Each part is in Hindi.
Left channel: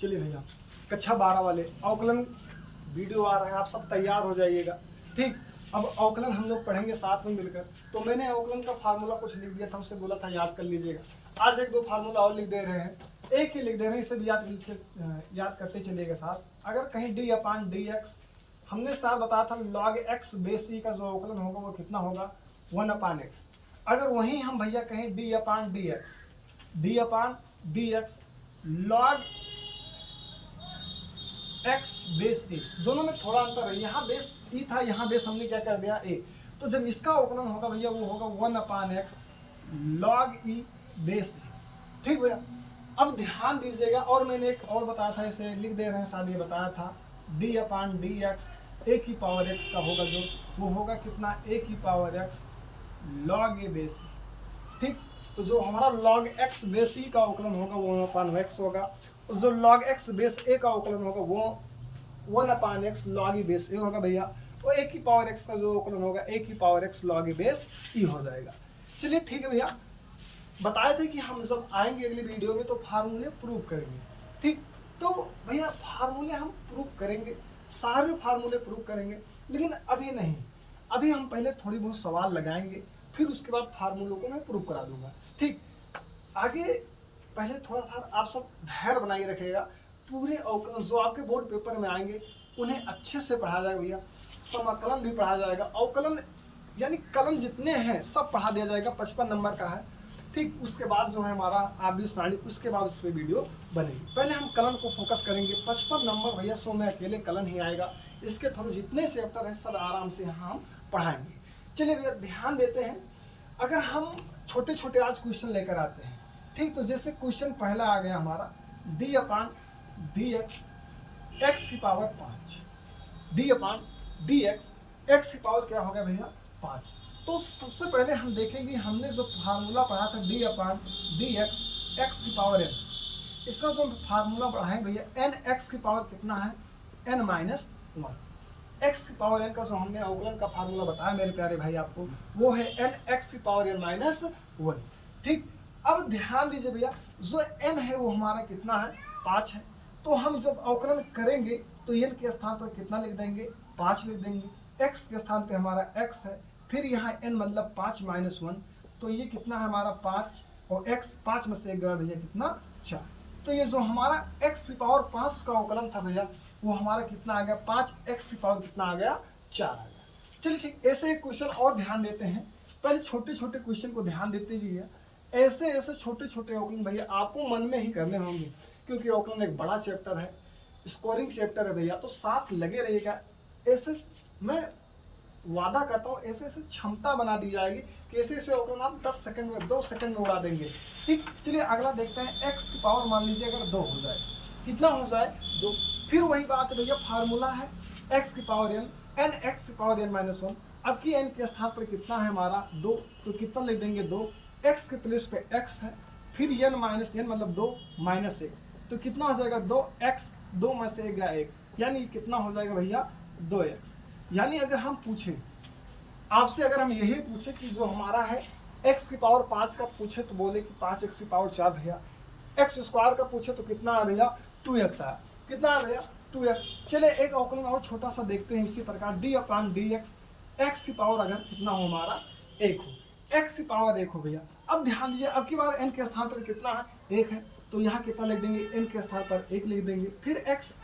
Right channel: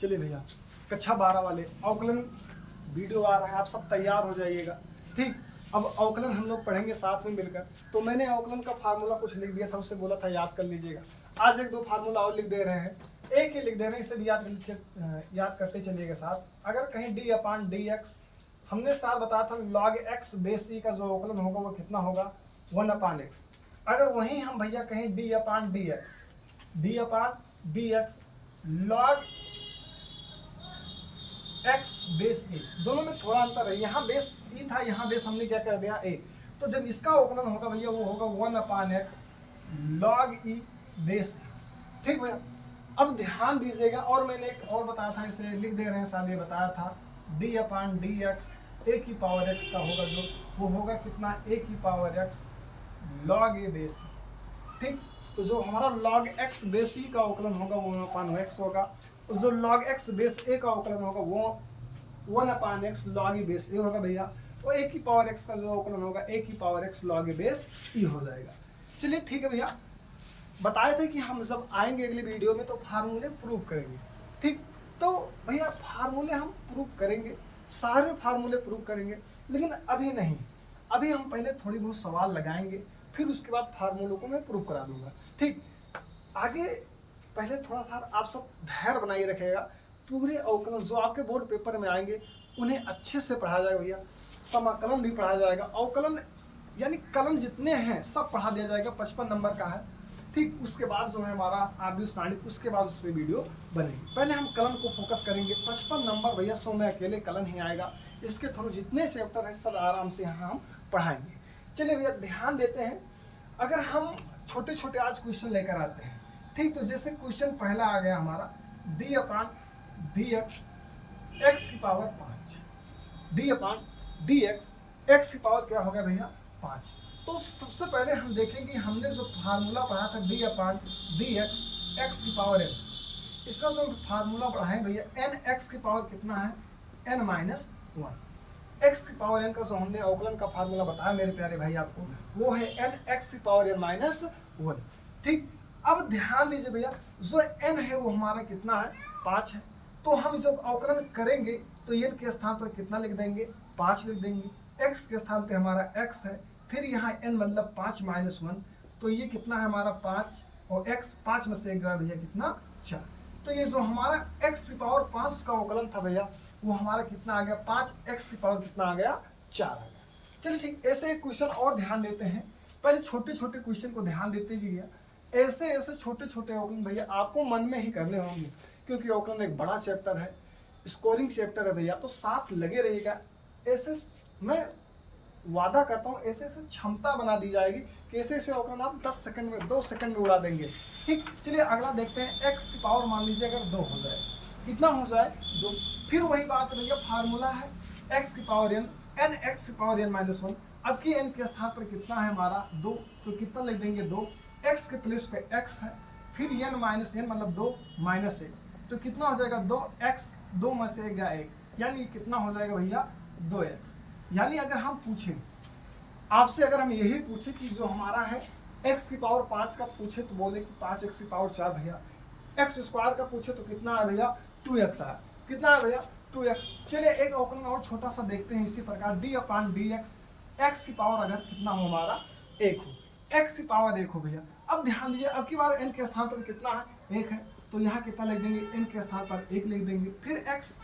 चलिए भैया, कक्षा 12 वाले अवकलन वीडियो आ रहा है, आप सब तैयार हो जाइएगा। ठीक, अब अवकलन हम लोग पढ़ेंगे साथ में मिलकर। तो मैंने अवकलन का फार्मूला कुछ लिख दिया था, उससे बोला था याद कर लीजिएगा। आज एक दो फार्मूला और लिख दे रहे हैं, एक ही लिख दे रहे हैं, इसे भी याद करते चलिएगा साथ। अगर कहीं डी अपान डी एक्स, हमने साथ बताया था लॉग एक्स बेस ई का जो अवकलन होगा वो कितना होगा, 1 अपान एक्स। अगर वहीं हम भैया कहीं d upon d x log x base a, दोनों में थोड़ा अंतर है, यहाँ बेस ई था, यहाँ बेस हमने क्या कर दिया ए। तो जब इसका अवकलन होगा भैया वो होगा 1 अपान एक्स लॉग ई बेस ए। ठीक भैया, अब ध्यान दीजिएगा, और मैंने एक और बताया था, इसे लिख दे रहे हैं साथ, ये बताया था डी अपान डी एक्स ए की पावर एक्स का होगा, जो वो होगा कितना, ए की पावर एक्स लॉग ए बेस ई। ठीक, तो जो हमारा लॉग एक्स बेस ई का अवकलन होगा वो अपान एक्स होगा, और जो लॉग एक्स बेस ए का अवकलन होगा वो 1 अपान एक्स लॉग ई बेस ए होगा भैया। तो ए की पावर एक्स का जो अवकलन होगा ए की power x log e base e हो जाएगा। चलिए ठीक है भैया, बताए थे कि हम जब आएंगे अगली वीडियो में तो फार्मूले प्रूव करेंगे। ठीक, तो भैया फार्मूले हम प्रूव करेंगे, सारे फार्मूले प्रूव करेंगे, लेकिन अभी नहीं, अभी हम पहले थोड़ी बहुत सवाल लगाएंगे, फिर उसके बाद फार्मूलों को मैं प्रूव करा दूंगा। ठीक, आगे पहले थोड़ा सा आप सब धैर्य बनाए रखिएगा। पूरे अवकलन जो आपके बोर्ड पेपर में आएंगे उन्हें अच्छे से पढ़ाया जाएगा भैया, समाकलन भी पढ़ाया जाएगा, अवकलन यानी कलन जितने हैं सब पढ़ा दिया जाएगा, 55 नंबर का है। ठीक, उसके बाद जो है हमारा आबी सारणी, उसके बाद उस पर वीडियो बनेगी। पहले हम कलन को फोकस करेंगे, 55 नंबर भैया 100 में अकेले कलन ही आएगा, इसके थ्रू जितने चैप्टर है सब आराम से यहाँ हम पढ़ाएंगे। चलिए भैया ध्यान देते हैं, अगर हम छोटे छोटे आज क्वेश्चन लेकर आते हैं। ठीक, तो जैसे क्वेश्चन पहला आ गया हमारा D upon d x x की power 5, D upon d x x की पावर क्या हो गया भैया 5। तो सबसे पहले हम देखेंगे, हमने जो फार्मूला पढ़ा था D upon d x x की पावर एन, इसका जो फार्मूला पढ़ाएंगे भैया एन एक्स की पावर कितना है, एन माइनस 1। एक्स की पावर एन का जो हमने अवकलन का फार्मूला बताया मेरे प्यारे भाई आपको, वो है एन एक्स की पावर एन माइनस 1। ठीक, अब ध्यान दीजिए भैया, जो एन है वो हमारा कितना है, 5 है। तो हम जब अवकलन करेंगे तो एन के स्थान पर कितना लिख देंगे, 5 लिख देंगे। एक्स के स्थान पे हमारा एक्स है, फिर यहाँ एन मतलब 5 माइनस 1, तो ये कितना है हमारा 5, और एक्स 5 में से एक गया भैया कितना, 4। तो ये जो हमारा एक्स की पावर 5 का अवकलन था भैया वो हमारा कितना आ गया, 5 एक्स की पावर कितना आ गया, 4 आ गया। चलिए ठीक, ऐसे एक क्वेश्चन और ध्यान देते हैं, पहले छोटे छोटे क्वेश्चन को ध्यान देते जाइए। ऐसे ऐसे छोटे छोटे अवकलन भैया आपको मन में ही करने होंगे, क्योंकि अवकलन एक बड़ा चैप्टर है, स्कोरिंग चैप्टर है भैया, तो साथ लगे रहिएगा। ऐसे मैं वादा करता हूँ, ऐसे ऐसे क्षमता बना दी जाएगी कि ऐसे ऐसे अवकलन आप 10 सेकंड में 2 सेकंड में उड़ा देंगे। ठीक, चलिए अगला देखते हैं, एक्स की पावर मान लीजिए अगर 2 हो जाए, कितना हो जाए 2, फिर वही बात है भैया, फार्मूला है एक्स की पावर एन, एन एक्स की पावर एन माइनस 1। अब की एन के स्थान पर कितना है हमारा 2, तो कितना लिख देंगे 2, एक्स के प्लेस पे एक्स है, फिर एन माइनस एन मतलब 2 माइनस 1, तो कितना हो जाएगा 2 एक्स, 2 में से 1 गया 1, यानी कितना हो जाएगा भैया 2 एक्स। यानी अगर हम पूछें आपसे, अगर हम यही पूछे कि जो हमारा है एक्स की पावर 5 का पूछे तो बोले कि 5 एक्स की पावर 4 भैया, एक्स स्क्वायर का पूछे तो कितना है भैया 2 एक्स है, कितना है भैया 2 एक्स। चलिए एक अवकलन और छोटा सा देखते हैं इसी प्रकार, D upon d x x की पावर अगर कितना हो हमारा 1 हो, एक्स की पावर 1 हो भैया। अब ध्यान दीजिए, अब की बार एन के स्थान पर कितना है 1 है, तो यहाँ कितना लिख देंगे, एन के स्थान पर 1 लिख देंगे, फिर एक्स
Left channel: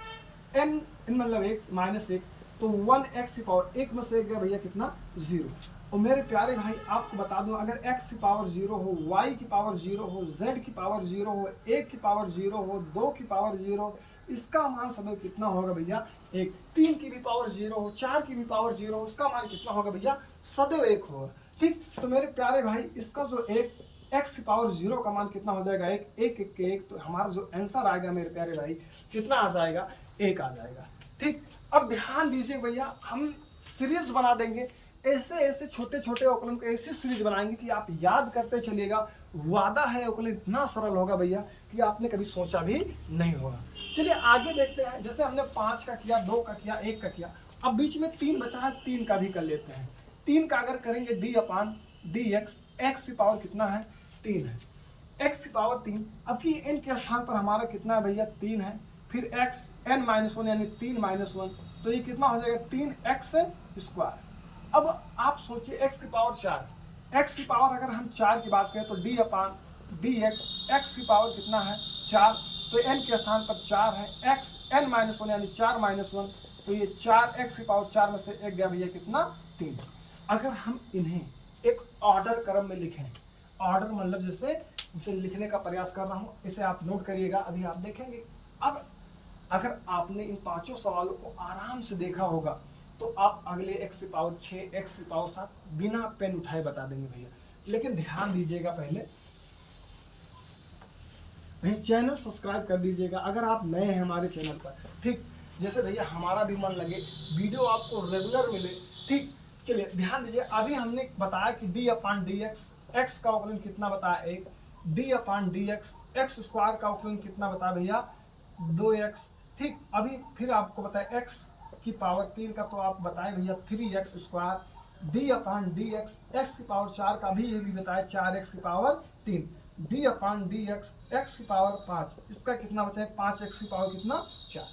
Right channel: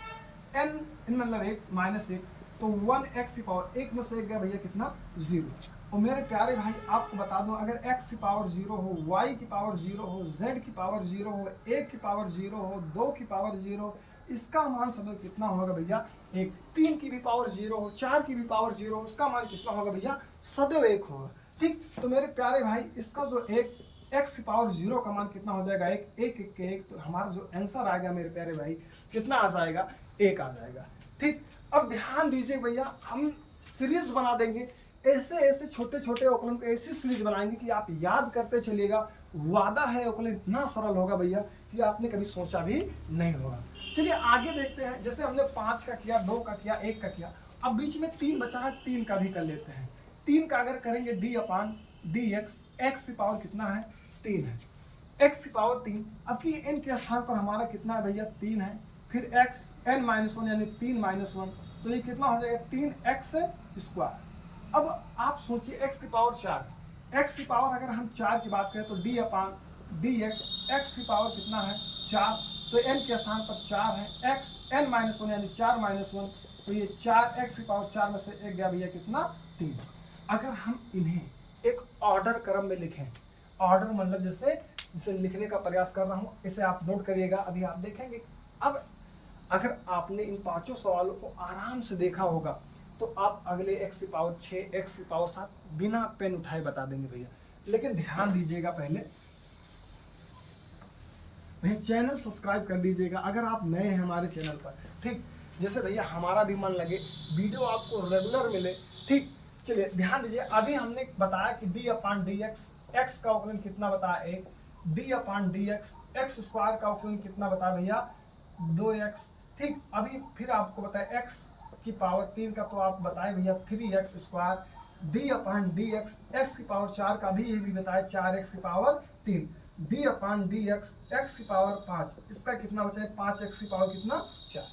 एन मतलब 1 माइनस 1, तो 1 एक्स की पावर 1 में से 1 गया भैया कितना 0। और मेरे प्यारे भाई आपको बता दूं, अगर x की पावर 0 हो, y की पावर 0 हो, z की पावर 0 हो, 1 की पावर 0 हो, 2 की पावर 0, इसका मान सदैव कितना होगा भैया 1। 3 की भी पावर 0 हो, 4 की भी पावर 0 हो, इसका मान कितना होगा भैया सदैव 1 होगा। ठीक, तो मेरे प्यारे भाई इसका जो एक x की पावर 0 का मान कितना हो जाएगा 1, 1 1 के 1, तो हमारा जो आंसर आएगा मेरे प्यारे भाई कितना आ जाएगा 1 आ जाएगा। ठीक, अब ध्यान दीजिए भैया, हम सीरीज बना देंगे, ऐसे ऐसे छोटे छोटे अवकलन को ऐसी सीरीज बनाएंगे कि आप याद करते चलिएगा। वादा है अवकलन इतना सरल होगा भैया कि आपने कभी सोचा भी नहीं होगा। चलिए आगे देखते हैं, जैसे हमने 5 का किया, 2 का किया, 1 का किया, अब बीच में 3 बचा है, 3 का भी कर लेते हैं। 3 का अगर करेंगे D upon d x, x की पावर कितना है 3 है, एक्स की पावर 3। अब की एन के स्थान पर हमारा कितना है भैया 3 है, फिर एक्स एन माइनस वन यानी 3 माइनस वन, तो ये कितना हो जाएगा 3x²। अब आप सोचिए x की पावर 4, x की पावर अगर हम 4 की बात करें तो d/dx, x की पावर कितना है 4, तो n के स्थान पर 4 है, x n माइनस वन यानी 4 माइनस वन, तो ये 4x की पावर 4 में से 1 गया भैया कितना 3। अगर हम इन्हें एक ऑर्डर क्रम में लिखें, ऑर्डर मतलब जैसे इसे लिखने का प्रयास कर रहा हूँ, इसे आप नोट करिएगा, अभी आप देखेंगे। अब अगर आपने इन पांचों सवालों को आराम से देखा होगा तो आप अगले x की पावर 6, x की पावर 7 बिना पेन उठाए बता देंगे भैया। लेकिन ध्यान दीजिएगा, पहले भैया चैनल सब्सक्राइब कर लीजिएगा अगर आप नए हैं हमारे चैनल पर, ठीक, जैसे भैया हमारा भी मन लगे, वीडियो आपको रेगुलर मिले, ठीक। चलिए ध्यान दीजिए, अभी हमने बताया कि d/dx, x का अवकलन कितना बताया 1, d/dx x² का अवकलन कितना बताया भैया 2x, ठीक। अभी फिर आपको बताया x की पावर 3 का, तो आप बताएं भैया 3x², d/dx x की पावर 4 का भी ये भी बताया 4x की पावर 3, d/dx x की पावर 5, इसका कितना बचा है 5x की पावर कितना 4।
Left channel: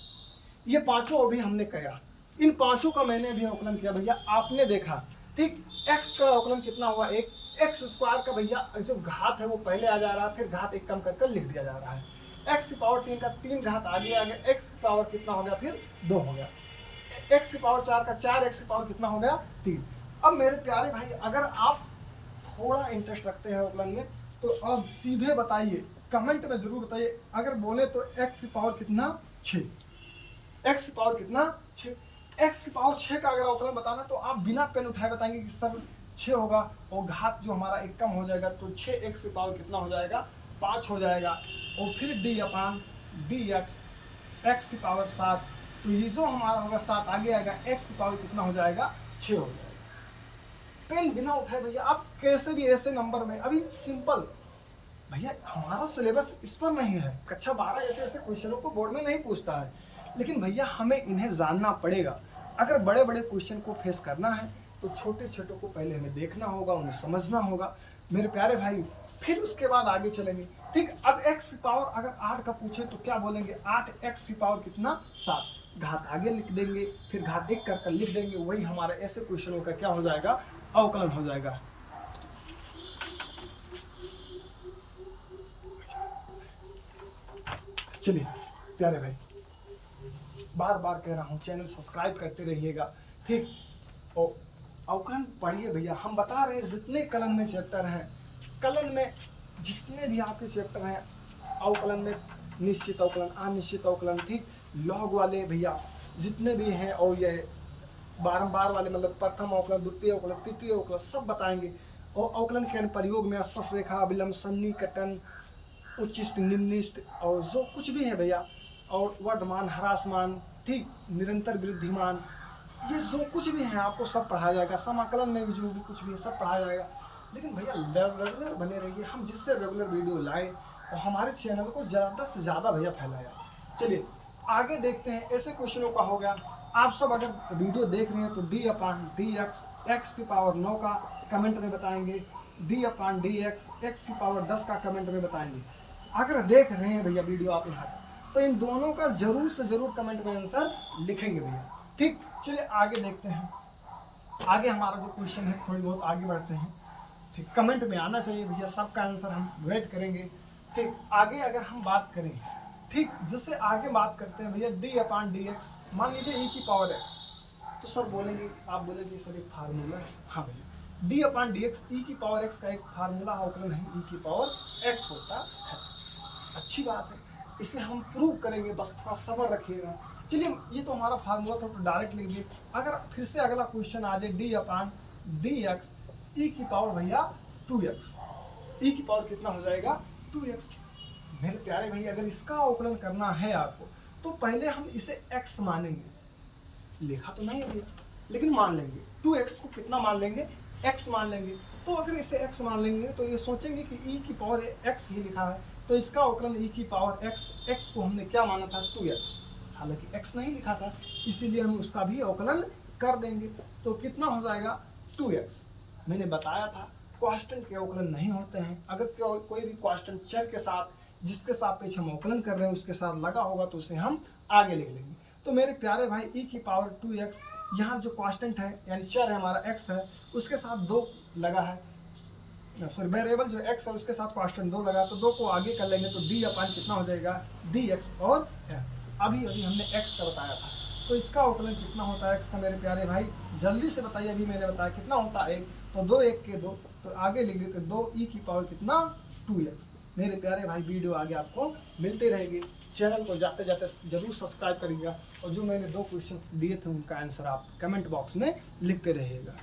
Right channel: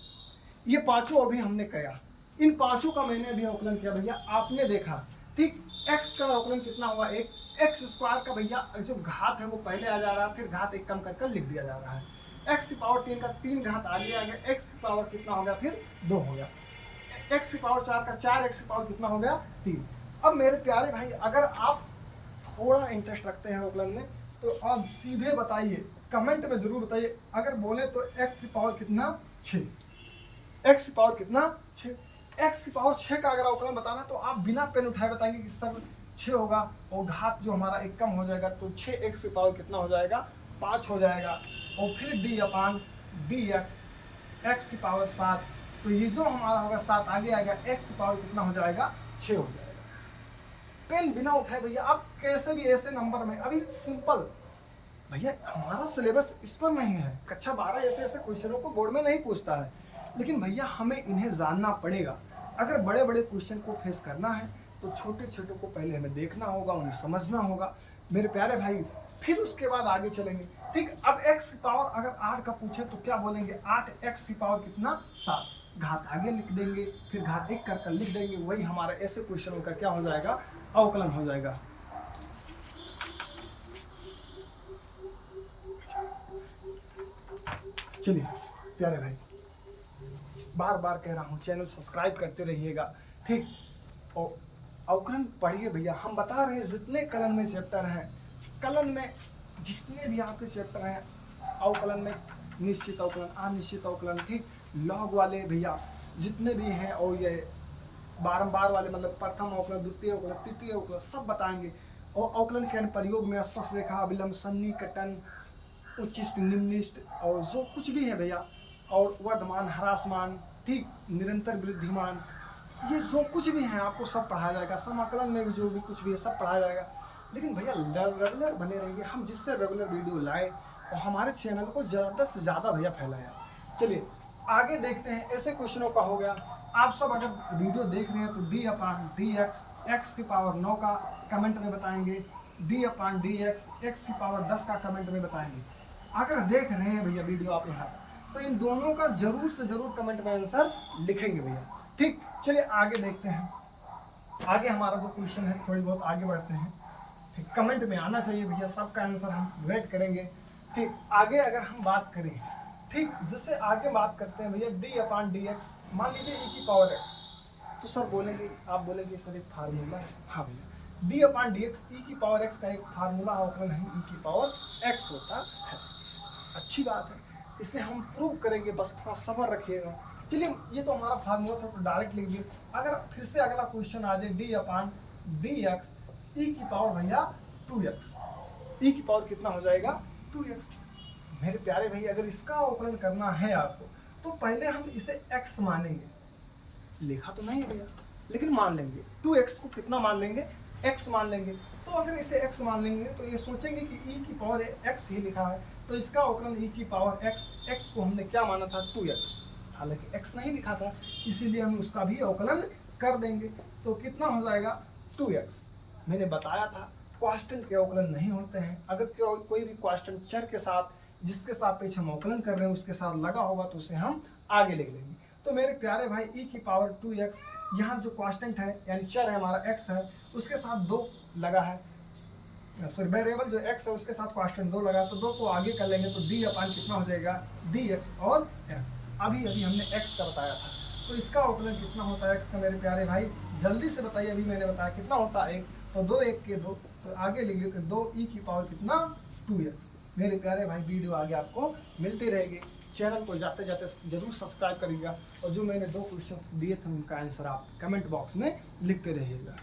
ये पांचों अभी हमने किया, इन पांचों का मैंने अभी अवकलन किया भैया, आपने देखा, ठीक। x का अवकलन कितना हुआ 1, x² का भैया जो घात है वो पहले आ जा रहा है, फिर घात 1 कम कर लिख दिया जा रहा है, x की पावर 3 का 3 घात आगे आ गया, x की पावर कितना हो गया फिर 2 हो गया, x की पावर 4 का 4x की पावर कितना हो गया 3। अब मेरे प्यारे भाई अगर आप थोड़ा इंटरेस्ट रखते हैं अवकलन में तो अब सीधे बताइए, कमेंट में जरूर बताइए, अगर बोले तो x की पावर कितना 6, x की पावर कितना 6, x की पावर 6 का अगर अवकलन बताना तो आप बिना पेन उठाए बताएंगे कि सर 6 होगा और घात जो हमारा 1 कम हो जाएगा, तो 6x की पावर कितना हो जाएगा 5 हो जाएगा, और फिर d/dx x की पावर 7, तो ये जो हमारा होगा 7 आगे आएगा, x की पावर कितना हो जाएगा 6 हो जाएगा। पेन बिना उठाए भैया आप कैसे भी ऐसे नंबर में, अभी सिंपल भैया हमारा सिलेबस इस पर नहीं है, कक्षा 12 ऐसे क्वेश्चनों को बोर्ड में नहीं पूछता है, लेकिन भैया हमें इन्हें जानना पड़ेगा। अगर बड़े बड़े क्वेश्चन को फेस करना है तो छोटे छोटे को पहले हमें देखना होगा, उन्हें समझना होगा मेरे प्यारे भाई, फिर उसके बाद आगे चलेंगे, ठीक। अब x की पावर अगर 8 का पूछे तो क्या बोलेंगे 8x की पावर कितना 7, घात आगे लिख देंगे, फिर घात 1 कर लिख देंगे, वही हमारा ऐसे क्वेश्चनों का क्या हो जाएगा अवकलन हो जाएगा। चलिए प्यारे भाई, बार बार कह रहा हूँ चैनल सब्सक्राइब करते रहिएगा, ठीक। और अवकलन पढ़िए भैया, हम बता रहे हैं जितने कलन में चैप्टर हैं, कलन में जितने भी आपके चैप्टर हैं अवकलन में, निश्चित अवकलन, अनिश्चित अवकलन, ठीक, लॉग वाले भैया जितने भी हैं, और ये बारंबार वाले मतलब प्रथम अवकलन, द्वितीय अवकलन, तृतीय अवकलन सब बताएंगे। और अवकलन के अनुप्रयोग में स्पर्श रेखा, अभिलंब, सन्निकटन, उच्चिष्ट, निम्निष्ट, और जो कुछ भी है भैया, और वर्धमान, ह्रासमान, ठीक, निरंतर वृद्धिमान, ये जो कुछ भी है आपको सब पढ़ाया जाएगा। समाकलन में भी जो भी कुछ भी है सब पढ़ाया जाएगा। लेकिन भैया रेगुलर बने रहिए, हम जिससे रेगुलर वीडियो लाएं और हमारे चैनल को ज़्यादा से ज़्यादा भैया फैलाया। चलिए आगे देखते हैं, ऐसे क्वेश्चनों का हो गया। आप सब अगर वीडियो देख रहे हैं तो d/dx x की पावर 9 का कमेंट में बताएंगे, d/dx x की पावर 10 का कमेंट में बताएंगे। अगर देख रहे हैं भैया वीडियो आप यहाँ तो इन दोनों का जरूर से जरूर कमेंट में आंसर लिखेंगे भैया, ठीक। चलिए आगे देखते हैं, आगे हमारा जो क्वेश्चन है थोड़ी बहुत आगे बढ़ते हैं, ठीक। कमेंट में आना चाहिए भैया, सबका आंसर हम वेट करेंगे, ठीक। आगे अगर हम बात करें, ठीक, जैसे आगे बात करते हैं भैया d/dx, मान लीजिए e की पावर x, तो सर बोलेंगे, आप बोलेंगे सर एक फार्मूला है। हाँ भैया, d/dx e की पावर x का एक फार्मूला अवकलन है, e की पावर x होता है। अच्छी बात है, इसे हम प्रूव करेंगे, बस थोड़ा सब्र रखिएगा। चलिए ये तो हमारा फार्मूला था तो डायरेक्ट लिख दिए। अगर फिर से अगला क्वेश्चन आ जाए d/dx e की पावर भैया 2x, e की पावर कितना हो जाएगा 2x। मेरे प्यारे भैया अगर इसका अवकलन करना है आपको तो पहले हम इसे x मानेंगे, लिखा तो नहीं है भैया लेकिन मान लेंगे, 2x को कितना मान लेंगे x मान लेंगे। तो अगर इसे x मान लेंगे तो ये सोचेंगे कि e की पावर x ही लिखा है, तो इसका अवकलन e की पावर x को हमने क्या माना था 2x, हालांकि x नहीं लिखा था, इसीलिए हम उसका भी अवकलन कर देंगे। तो कितना हो जाएगा 2x। मैंने बताया था कांस्टेंट के अवकलन नहीं होते हैं, अगर कोई भी कांस्टेंट चर के साथ जिसके सापेक्ष हम अवकलन कर रहे हैं उसके साथ लगा होगा तो उसे हम आगे लिख लेंगे। तो मेरे प्यारे भाई e की पावर 2x, यहाँ जो कांस्टेंट है यानी चर है हमारा x है, उसके साथ 2 लगा है, सॉरी वेरिएबल जो x है उसके साथ कांस्टेंट 2 लगा, तो 2 को आगे कर लेंगे तो d अपान कितना हो जाएगा dx और f। अभी अभी हमने x का बताया था, तो इसका अवकलन कितना होता है x का मेरे प्यारे भाई, जल्दी से बताइए। अभी मैंने बताया कितना होता है 1, तो 2 1 के 2, तो आगे लिख देते 2 e की पावर कितना 2x। मेरे प्यारे भाई वीडियो आगे आपको मिलती रहेगी, चैनल को जाते जाते जरूर सब्सक्राइब करिएगा, और जो मैंने 2 क्वेश्चन दिए थे उनका आंसर आप कमेंट बॉक्स में लिखते रहिएगा।